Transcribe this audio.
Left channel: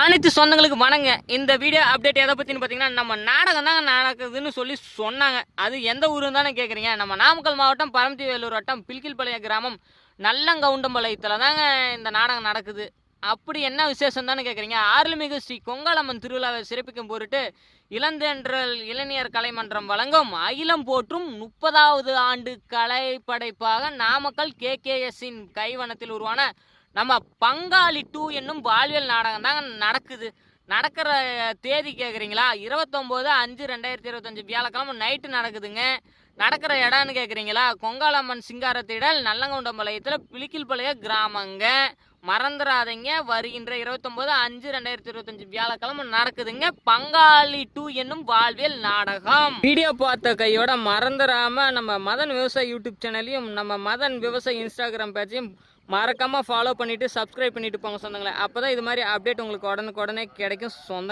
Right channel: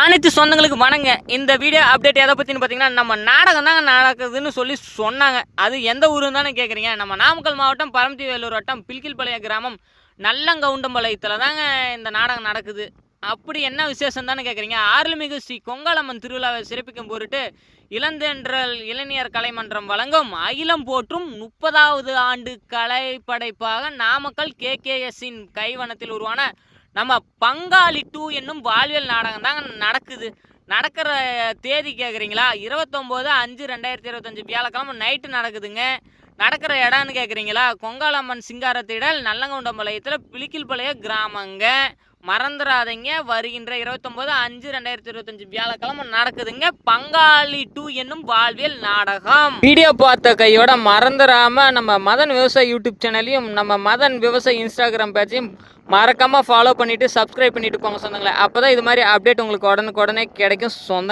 அனைத்து சொந்தங்களுக்கு வணங்க. இந்த வீடியோ அப்டேட் எதை பற்றின்னு பார்த்தீங்கன்னா, நம்ம நாடகம் தாங்க நடக்குதுன்னு சொல்லி சொன்னாங்க. அது எந்த ஊருன்னு தானே கேட்குறீங்க. நம்ம நாமக்கல் மாவட்டம் பரமத்தி வேலூர் வட்டம் பில்கில்பாளையம் கிராமம் நல்லங்கவுண்டம்பாளையத்தில் தாங்க இந்த நாடகம் நடக்குது. அப்படி என்ன விசேஷம் தானே கேட்குறீங்க. அருள்மிகு ஸ்ரீ கொங்காளம்மன் திருவிழாவை சிறப்பிக்கும் பொருட்டு இளந்தென்றல் இளைஞர் கலைமன்றம் வழங்கும் அகிலம் போற்றும் 30வது ஆண்டு கலைப்படைப்பாக நாமக்கல் KKSன் கைவனத்தில் உருவான நம்ம பங்காளி 2 என்னும் வாழ்வியல் நாடகம் தாங்க நடக்குது. நடக்கிற தேதி கேட்குறீங்களா, 29/5/2025 வியாழக்கிழமை நைட்டு நடக்குதுங்க. நடக்கிற இடம்னு கேட்குறீங்களா, கொங்காளம்மன் சிங்காரத்திடல் நல்லங்கவுண்டம்பாளையத்தில் பிலிக்கில்பாளைய கிராமங்க. மறந்துடாதீங்க, வருகின்ற 29/5/2025 வியாழக்கிழமை நடக்குதுங்க பங்காளி 2 என்னும் வாழ்வியல் நாடகம். வீடியோ பார்த்த கையோட மறந்துடாம நம்ம மதன் விவசாய யூடியூப் சேனலையும் நம்ம மதன் விவசாய இன்ஸ்டாகிராம் பேஜையும் மறக்காம ஃபாலோ பண்ணிட்டு சப்ஸ்கிரைப் பண்ணிட்டு போங்க சொந்தங்களே. அப்பதான் இது மாதிரி அப்டேட் உங்களுக்கு உடனுக்குடனே கிடைக்கும் சொந்த